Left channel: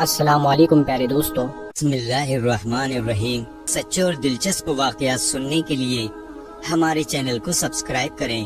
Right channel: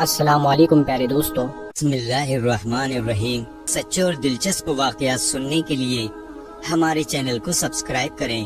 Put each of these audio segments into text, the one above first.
السلام علیکم پیارے دوستو، بسم اللہ الرحمن الرحیم۔ سچے اور دلچسپ واقعات سننے کے لیے ہمارے چینل کو سبسکرائب کریں۔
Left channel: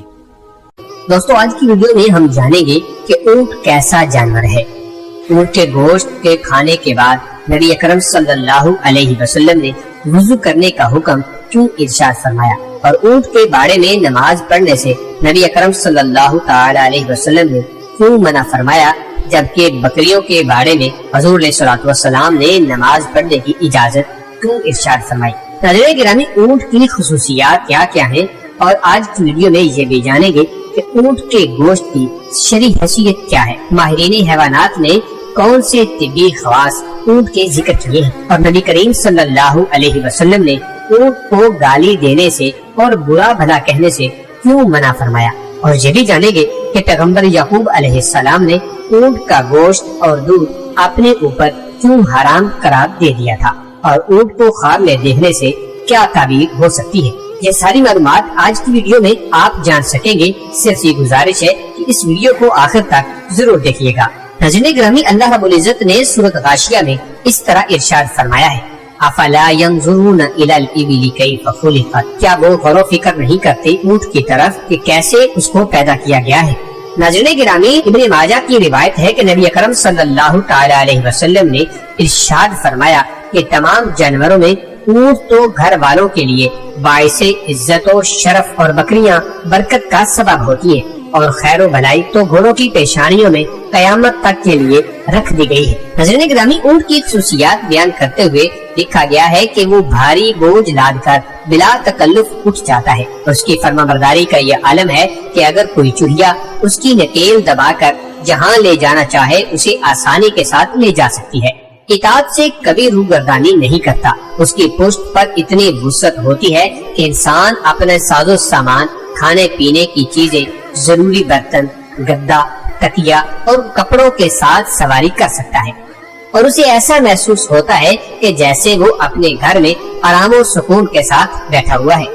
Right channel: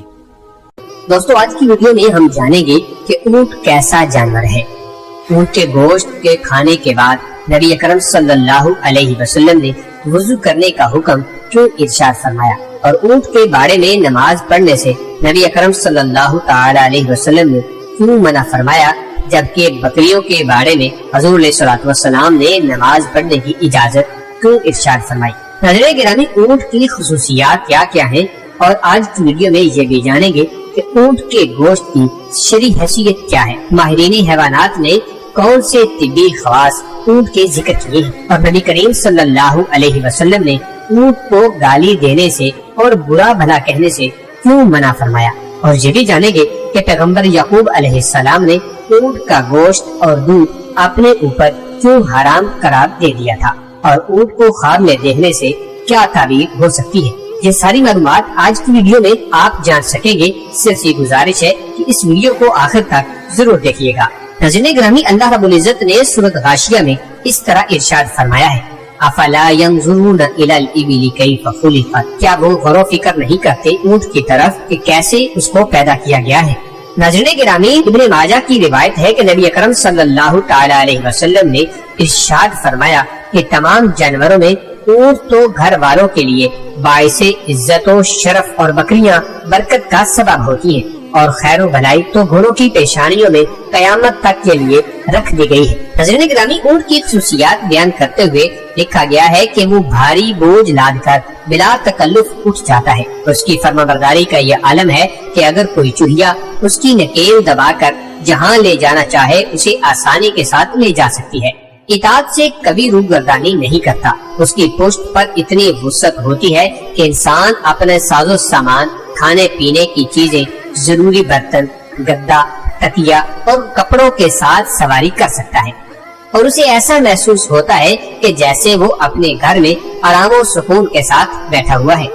دوستو، آج کی ویڈیو میں ہم جانیں گے کہ اونٹ کیسا جانور ہے۔ اونٹ کے گوشت کے کھانے کے بعد نبی اکرم صلی اللہ علیہ وسلم نے وضو کرنے کا حکم کیوں ارشاد فرمایا، اور اونٹ کے بارے میں نماز پڑھنے سے نبی اکرم صلی اللہ تعالی علیہ وسلم نے کیوں منع فرمایا، جبکہ بکریوں کے بارے میں حضور علیہ الصلوۃ والسلام نے نماز پڑھنے کی اجازت کیوں ارشاد فرمائی۔ ناظرین گرامی، اونٹ کی خصوصیات کیا کیا ہیں، اور آج کی ویڈیو میں یہ بھی جانیں گے کہ اونٹ کے گوشت کی شرعی حیثیت کیا ہے، ماہرین حیوانات نے کون سے طبی خواص اونٹ کے ذکر کیے ہیں، اور نبی کریم صلی اللہ علیہ وسلم نے اونٹ کو گالی دینے سے اور برا بھلا کہنے سے کیوں منع فرمایا، اور یہ بھی جانیں گے کہ پیغمبر یعقوب علیہ السلام نے اونٹ کا گوشت اور دودھ اپنے اوپر کیوں حرام قرار دے دیا تھا، اور اونٹ کو خواب میں دیکھنے سے کیا تعبیر ہو سکتی ہے۔ یہ ساری معلومات آج کی ویڈیو میں آپ جان سکیں گے۔ صرف یہ گزارش ہے کہ اس ویڈیو کو آخر تک ضرور دیکھیے گا۔ ناظرین گرامی، اللہ رب العزت نے سورۃ غاشیہ میں اس طرح ارشاد فرمایا ہے، افلا ينظرون الى الابل كيف خلقت، کیا وہ غور و فکر نہیں کرتے اونٹ کی طرف کہ کیسے اس کو پیدا کیا گیا ہے۔ ناظرین گرامی، ابن ماجہ کی روایت ہے کہ نبی اکرم صلی اللہ تعالی علیہ وسلم نے ارشاد فرمایا کہ تمام جانوروں میں اونٹ تو گھر والوں کے لیے باعث عزت و شرف اور بکریاں برکت کا سبب ہوتی ہیں، اور خیر و بھلائی تو گھوڑوں کی پیشانیوں میں قیامت تک کے لیے رکھ دی گئی ہے۔ ناظرین گرامی، اونٹ کی خصوصیات بیان کرتے ہوئے لکھا گیا ہے کہ وہ بھاری بوجھ لاد کر بلا تکلف اٹھ جاتا ہے۔ اس کی فرما برداری کا یہ عالم ہے کہ اگر کوئی چڑیا اس کی نکیل دبا کر جہاں لے جانا چاہے اسے آسانی کے ساتھ لے جا سکتی ہے۔ اطاعت سے کبھی روگردانی نہیں کرتا۔ اس کی پشت پر اتنی وسعت ہوتی ہے کہ انسان اپنے ساز و سامان، کھانے پینے کی چیزیں، ضروری برتن، گدا، تکیا اور کپڑوں کے ساتھ سواری کر سکتا ہے، اور اسے ایسا محسوس ہوتا ہے کہ جیسے وہ اپنے گھر میں آرام و سکون کے ساتھ بیٹھا ہوا ہے۔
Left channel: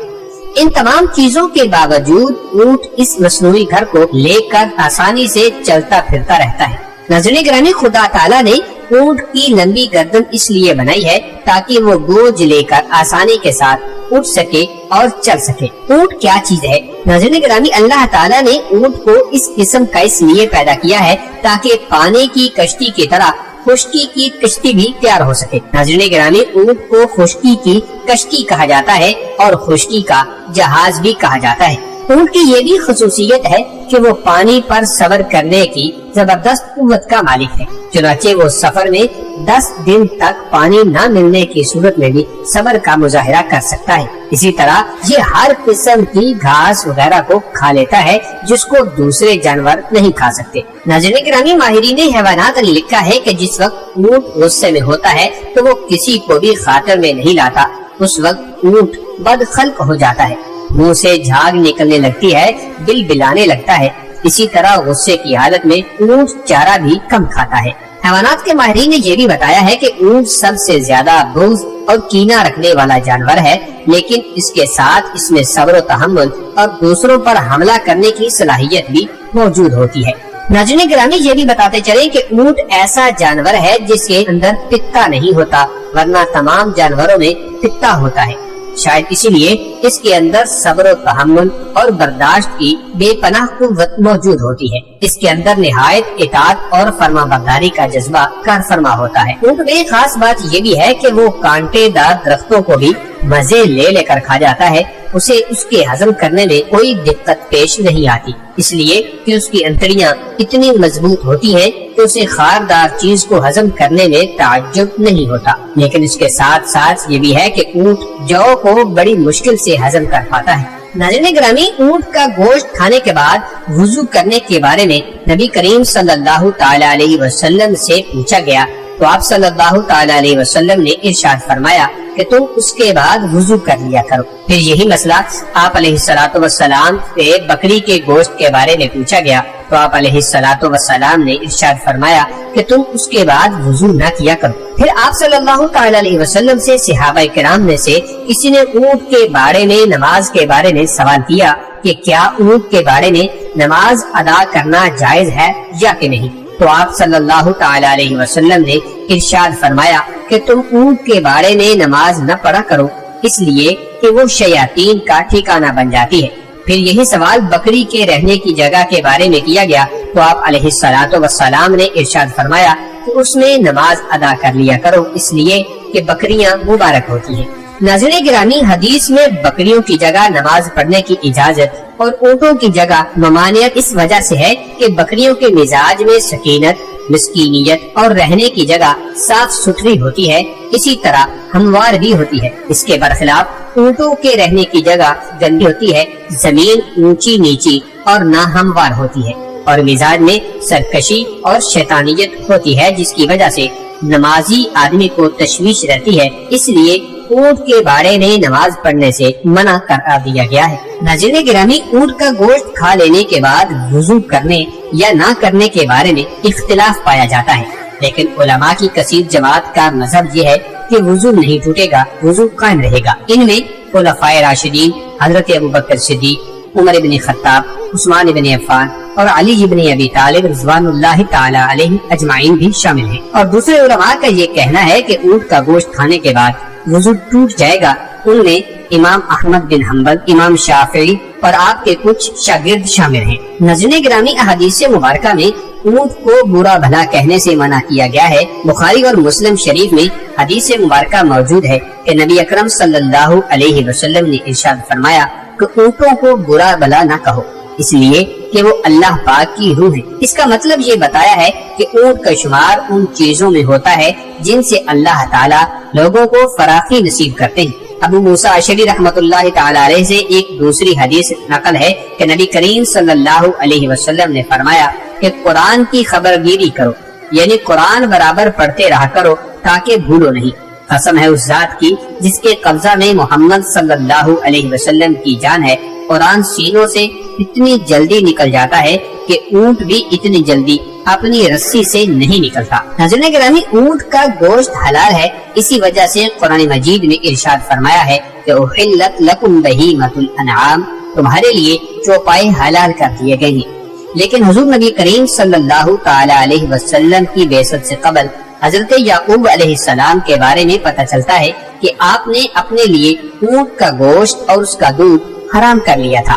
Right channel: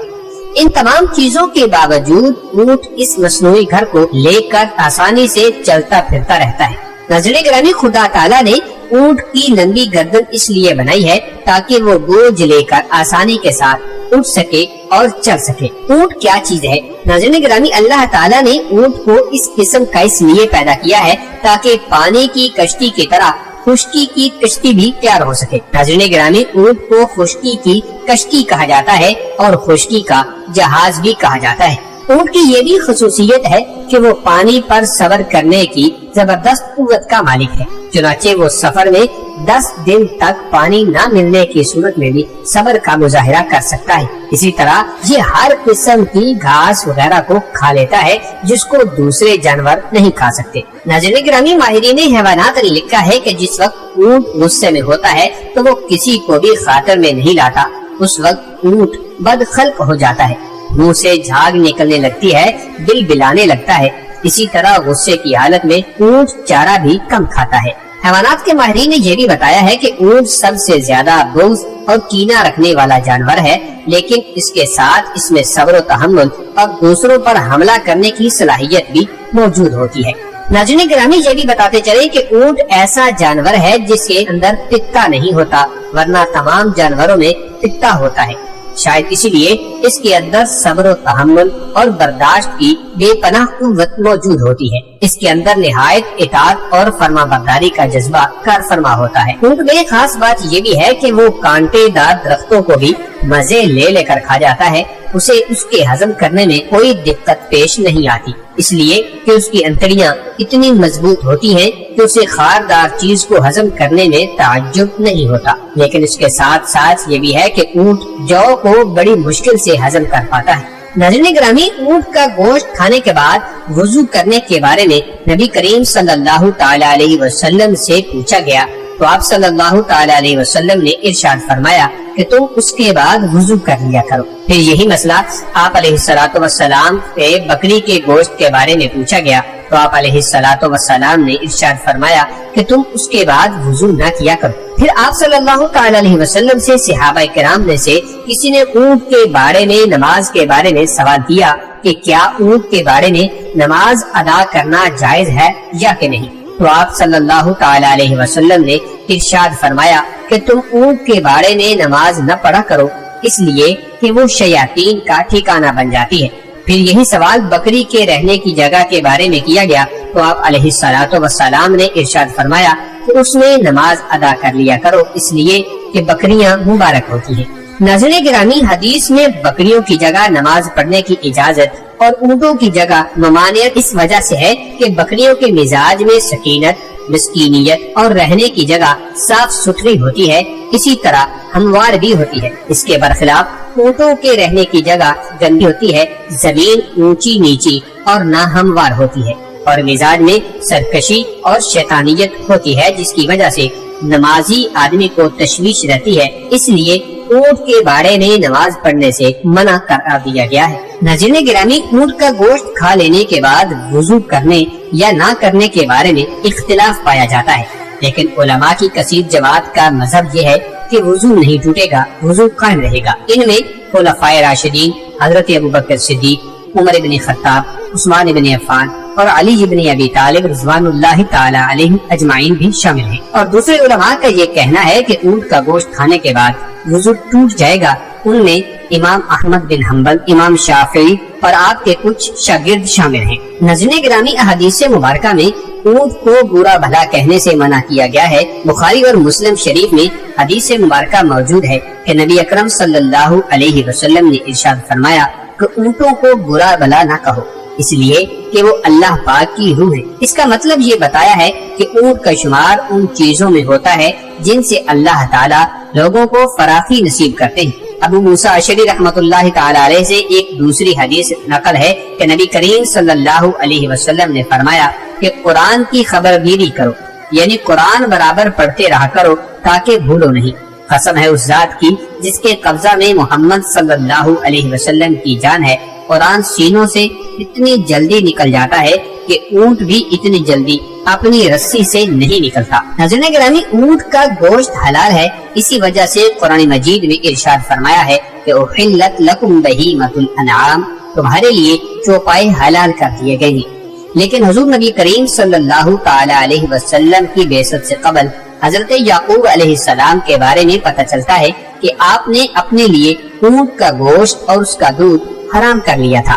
ان تمام چیزوں کے باوجود اونٹ اس مصنوعی گھر کو لے کر آسانی سے چلتا پھرتا رہتا ہے۔ ناظرین گرامی، خدا تعالیٰ نے اونٹ کی لمبی گردن اس لیے بنائی ہے تاکہ وہ بوجھ لے کر آسانی کے ساتھ اٹھ سکے اور چل سکے۔ اونٹ کیا چیز ہے؟ ناظرین گرامی، اللہ تعالیٰ نے اونٹ کو اس قسم کا اس لیے پیدا کیا ہے تاکہ پانی کی کشتی کی طرح خشکی کی کشتی بھی تیار ہو سکے۔ ناظرین گرامی، اونٹ کو خشکی کی کشتی کہا جاتا ہے اور خشکی کا جہاز بھی کہا جاتا ہے۔ اونٹ کی یہ بھی خصوصیت ہے کہ وہ پانی پر صبر کرنے کی زبردست قوت کا مالک ہے، چنانچہ وہ سفر میں 10 دن تک پانی نہ ملنے کی صورت میں بھی صبر کا مظاہرہ کر سکتا ہے۔ اسی طرح یہ ہر قسم کی گھاس وغیرہ کو کھا لیتا ہے جس کو دوسرے جانور نہیں کھا سکتے۔ ناظرین گرامی، ماہرین حیوانات نے لکھا ہے کہ جس وقت اونٹ غصے میں ہوتا ہے تو وہ کسی کو بھی خاطر میں نہیں لاتا، اس وقت اونٹ بدخلق ہو جاتا ہے، منہ سے جھاگ نکلنے لگتی ہے، دل بلانے لگتا ہے۔ اسی طرح غصے کی حالت میں اونٹ چارہ بھی کم کھاتا ہے۔ حیوانات کے ماہرین نے یہ بھی بتایا ہے کہ اونٹ سب سے زیادہ بغض اور کینہ رکھنے والا جانور ہے، لیکن اس کے ساتھ اس میں صبر و تحمل اور دوسروں پر حملہ کرنے کی صلاحیت بھی موجود ہوتی ہے۔ ناظرین گرامی، یہ بھی بتاتے چلیں کہ اونٹ ایسا جانور ہے جس کے اندر پتا نہیں ہوتا، ورنہ تمام جانوروں میں پتا ہوتا ہے۔ شاید اسی لیے اس کے اندر صبر و تحمل اور برداشت کی بے پناہ قوت موجود ہوتی ہے۔ اس کے اندر نہایت اطاعت اور فرما برداری کا جذبہ کار فرما ہوتا ہے۔ اونٹ میں خاص بات یہ بھی ہے کہ وہ کانٹے دار درختوں کو بھی مزے لے لے کر کھا جاتا ہے، اسے اس کے ہضم کرنے میں کوئی دقت پیش نہیں آتی، اس لیے کہ اس کی انتڑیاں اتنی مضبوط ہوتی ہیں کہ اسے خاردار چیز کو ہضم کرنے میں تعجب نہیں ہوتا۔ لیکن اس کے ساتھ ساتھ یہ بھی ہے کہ اونٹ جو کو بڑی مشکل سے ہضم کر پاتا ہے۔ ناظرین گرامی، اونٹ کا گوشت کھانے کے بعد وضو کرنے کے بارے میں نبی کریم صلی اللہ تعالی علیہ وسلم سے پوچھا گیا تو آپ صلی اللہ تعالی علیہ وسلم نے ارشاد فرمایا کہ تم اس کے بعد وضو کر لیا کرو۔ پھر یہی مسئلہ آپ علیہ الصلوۃ والسلام سے بکری کے گوشت کے بارے میں پوچھا گیا تو آپ علیہ الصلوۃ والسلام نے ارشاد فرمایا کہ تم اس کے بعد وضو نہ کیا کرو۔ پھر آپ صلی اللہ تعالی علیہ وسلم سے صحابہ کرام میں سے کسی نے اونٹ کے بارے میں نماز کے بارے میں سوال کیا کہ کیا اونٹ کے بارے میں نماز ادا کرنا جائز ہے یا کہ نہیں، تو آپ صلی اللہ تعالی علیہ وسلم نے ارشاد فرمایا کہ تم اونٹ کے باڑے میں نماز نہ پڑھا کرو، اس لیے کہ وہ شیاطین کا ٹھکانہ بن جاتی ہے۔ پھر یہی سوال بکری کے رہنے کی جگہ کے بارے میں کیا گیا تو آپ علیہ الصلوۃ والسلام نے ارشاد فرمایا کہ اس میں نماز ادا کر لیا کرو، اس لیے کہ بکریاں مبارک ہوتی ہیں۔ ناظرین گرامی، حدیث میں بکریوں کی جگہ نماز پڑھنے کی اجازت اور اونٹوں کی جگہ ممانعت اس وجہ سے ہے کہ بکریوں کے مزاج میں سکینت، مسکینیت اور رہنے کی جگہ صاف ستھری ہوتی ہے، اسی طرح ہموار بھی ہوتی ہے۔ اس کے برخلاف اونٹوں کے رہنے کی جگہ گندی ہوتی ہے، زمین اونچی نیچی اور نہ ہموار ہوتی ہے، اور مزاج میں سرکشی اور شیطانیت ہوتی ہے، جس کی وجہ سے نمازی آدمی کو تشویش رہتی ہے۔ اس لیے اونٹ کے باڑے میں نماز پڑھنے سے منع کرا دیا گیا ہے۔ ناظرین گرامی، اونٹ کا گوشت کھا لینے کے بعد وضو کرنے یا نہ کرنے کے بارے میں اختلاف پایا جاتا ہے، لیکن علماء کی کثیر جماعت کا مذہب یہ ہے کہ وضو نہیں ٹوٹے گا، وضو قائم رہے گا۔ ان میں خلفائے راشدین حضرت ابوبکر صدیق، عمر بن خطاب، عثمان بن عفان اور علی بن ابی طالب رضوان اللہ تعالی علیہ اجمعین بھی شامل ہیں۔ اور دوسرے علماء کا یہ کہنا ہے کہ اونٹ کا گوشت کھانے کے بعد وضو ٹوٹ جائے گا۔ ان میں امام احمد بن حنبل، امام شافعی اور آپ کے کچھ شاگرد شامل ہیں۔ ناظرین گرامی، احادیث مبارکہ میں اونٹ کو برا بھلا کہنے سے منع کیا گیا ہے۔ بخاری اور مسلم شریف میں حدیث مبارکہ موجود ہے کہ نبی اکرم صلی اللہ علیہ وسلم نے ارشاد فرمایا کہ اونٹوں کو برا بھلا نہ کہو، اس لیے کہ وہ اللہ پاک کی روح ہے۔ اس کا مطلب یہ بتایا ہے کہ اونٹ کا شمار ان چیزوں میں ہوتا ہے جن سے اللہ تعالیٰ لوگوں کو فراخی نصیب کرتے ہیں۔ ابو موسیٰ اشعری رحمۃ اللہ تعالی علیہ سے ایک دوسری حدیث نقل ہے کہ نبی کریم صلی اللہ علیہ وسلم نے فرمایا کہ قرآن کی خبرگیری کرو، یعنی قرآن برابر پڑھتے رہا کرو تاکہ بھولو نہیں۔ قسم ہے اس ذات کی جس کے قبضہ میں محمد صلی اللہ علیہ وسلم کی جان ہے، قرآن سینوں سے اتنی جلدی نکل جاتا ہے کہ اونٹ بھی اتنی جلدی اپنی رسی سے نہیں نکلتا۔ ناظرین گرامی، اونٹ کا گوشت حلال ہے، اسی وجہ سے قرآن مجید میں ارشاد فرمایا ہے کہ احلت لکم بہیمۃ الانعام، تمہارے لیے چوپائے حلال کر دیے گئے ہیں۔ لیکن حضور نبی کریم صلی اللہ تعالی علیہ وسلم کی بعثت سے قبل حضرت یعقوب علیہ السلام کے بارے میں پتہ چلتا ہے کہ آپ نے اپنے لیے اونٹ کا گوشت اور اس کا دودھ حرام کر لیا تھا،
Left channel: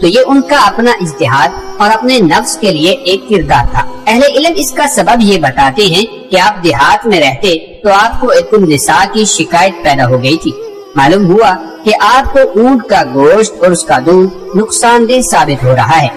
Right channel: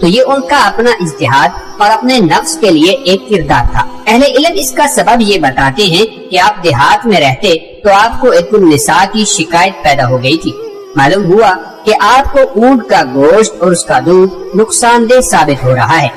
تو یہ ان کا اپنا اجتہاد اور اپنے نفس کے لیے ایک کردار تھا۔ اہل علم اس کا سبب یہ بتاتے ہیں کہ آپ دیہات میں رہتے تو آپ کو ایک النساء کی شکایت پیدا ہو گئی تھی۔ معلوم ہوا کہ آپ کو اونٹ کا گوشت اور اس کا دودھ نقصان دہ ثابت ہو رہا ہے،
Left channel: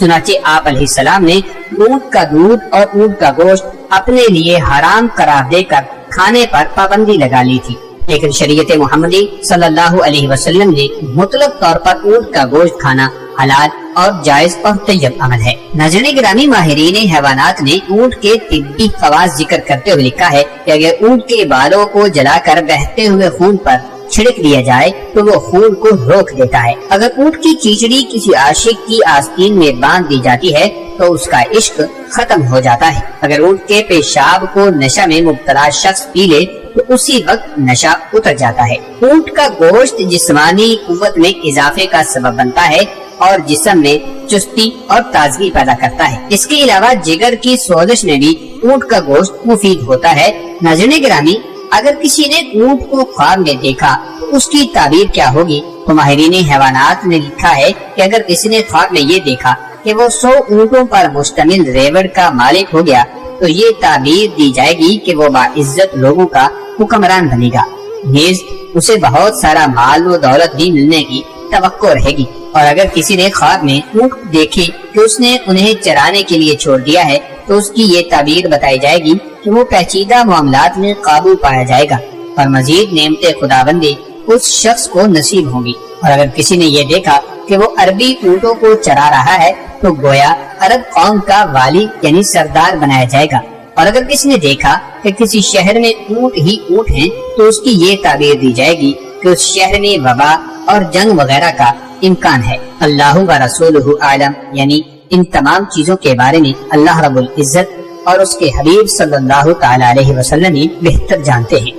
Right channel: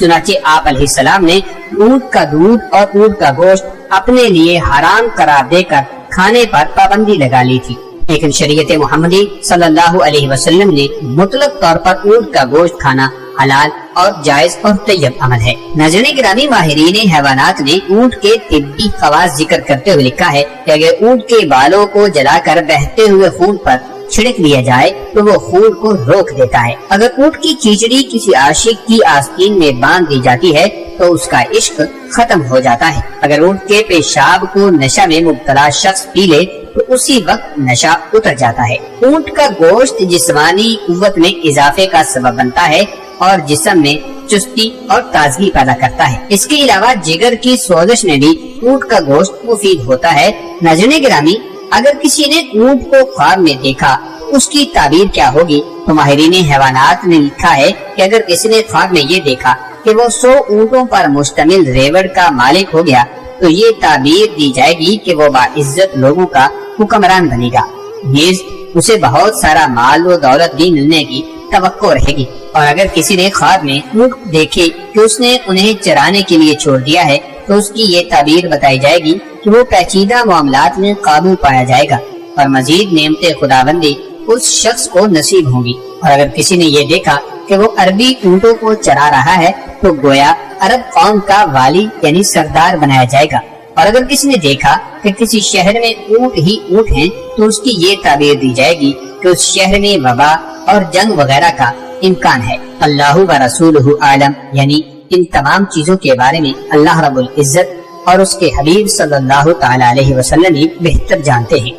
چنانچہ آپ علیہ السلام نے اونٹ کا دودھ اور اونٹ کا گوشت اپنے لیے حرام قرار دے کر کھانے پر پابندی لگا لی تھی۔ لیکن شریعت محمدی صلی اللہ علیہ وسلم نے مطلق طور پر اونٹ کا گوشت کھانا حلال اور جائز اور طیب عمل ہے۔ ناظرین گرامی، ماہرین حیوانات نے اونٹ کے طبی خواص ذکر کرتے ہوئے لکھا ہے کہ اگر اونٹ کے بالوں کو جلا کر بہتے ہوئے خون پر چھڑک دیا جائے تو وہ خون کو روک دیتا ہے۔ اگر اونٹ کی چیچڑی کسی عاشق کی آستین میں باندھ دی جاتی ہے تو اس کا عشق ختم ہو جاتا ہے۔ اگر اونٹ کے پیشاب کو نشہ میں مبتلا شخص پی لے تو اسی وقت نشہ اتر جاتا ہے۔ اونٹ کا گوشت جسمانی قوت میں اضافے کا سبب بنتا ہے اور جسم میں چستی اور تازگی پیدا کرتا ہے۔ اس کے علاوہ جگر کی سوزش میں بھی اونٹ کا گوشت مفید ہوتا ہے۔ ناظرین گرامی، اگر کسی نے اونٹ کو خواب میں دیکھا تو اس کی تعبیر کیا ہوگی؟ تو ماہرین حیوانات نے لکھا ہے کہ اگر کسی نے خواب میں یہ دیکھا کہ وہ 100 اونٹوں پر مشتمل ریوڑ کا مالک ہو گیا تو یہ تعبیر دی جائے گی کہ وہ باعزت لوگوں کا حکمران بنے گا، نیز اسے بہت سارا مال و دولت بھی ملنے کی توقع رہے گی۔ اور اگر کسی نے خواب میں اونٹ دیکھے کہ اس نے انہیں چرانے کے لیے چھوڑ دیا ہے تو اس کی یہ تعبیر بتائی جائے گی کہ وہ پیچیدہ معاملات میں قابو پایا جائے گا اور مزید نعمت خداوندی اس شخص کو نصیب ہوں گی۔ اور اگر کسی نے یہ دیکھا کہ وہ عربی اونٹوں کو چرا رہا ہے تو گویا عرب قوم کا والی یعنی سردار بنایا جائے گا۔ اور اگر کسی نے دیکھا کہ کسی شہر میں اونٹ ہی اونٹ ہیں تو اس کی یہ تعبیر دی جائے گی کہ اس شہر میں وبا اور جنگ وغیرہ کا امکان ہے۔ اللہ و رسولہ اعلم، یعنی ان تمام چیزوں کے بارے میں اللہ رب العزت اور اس کے حبیب صلی اللہ تعالی علیہ وسلم بہتر جانتے ہیں۔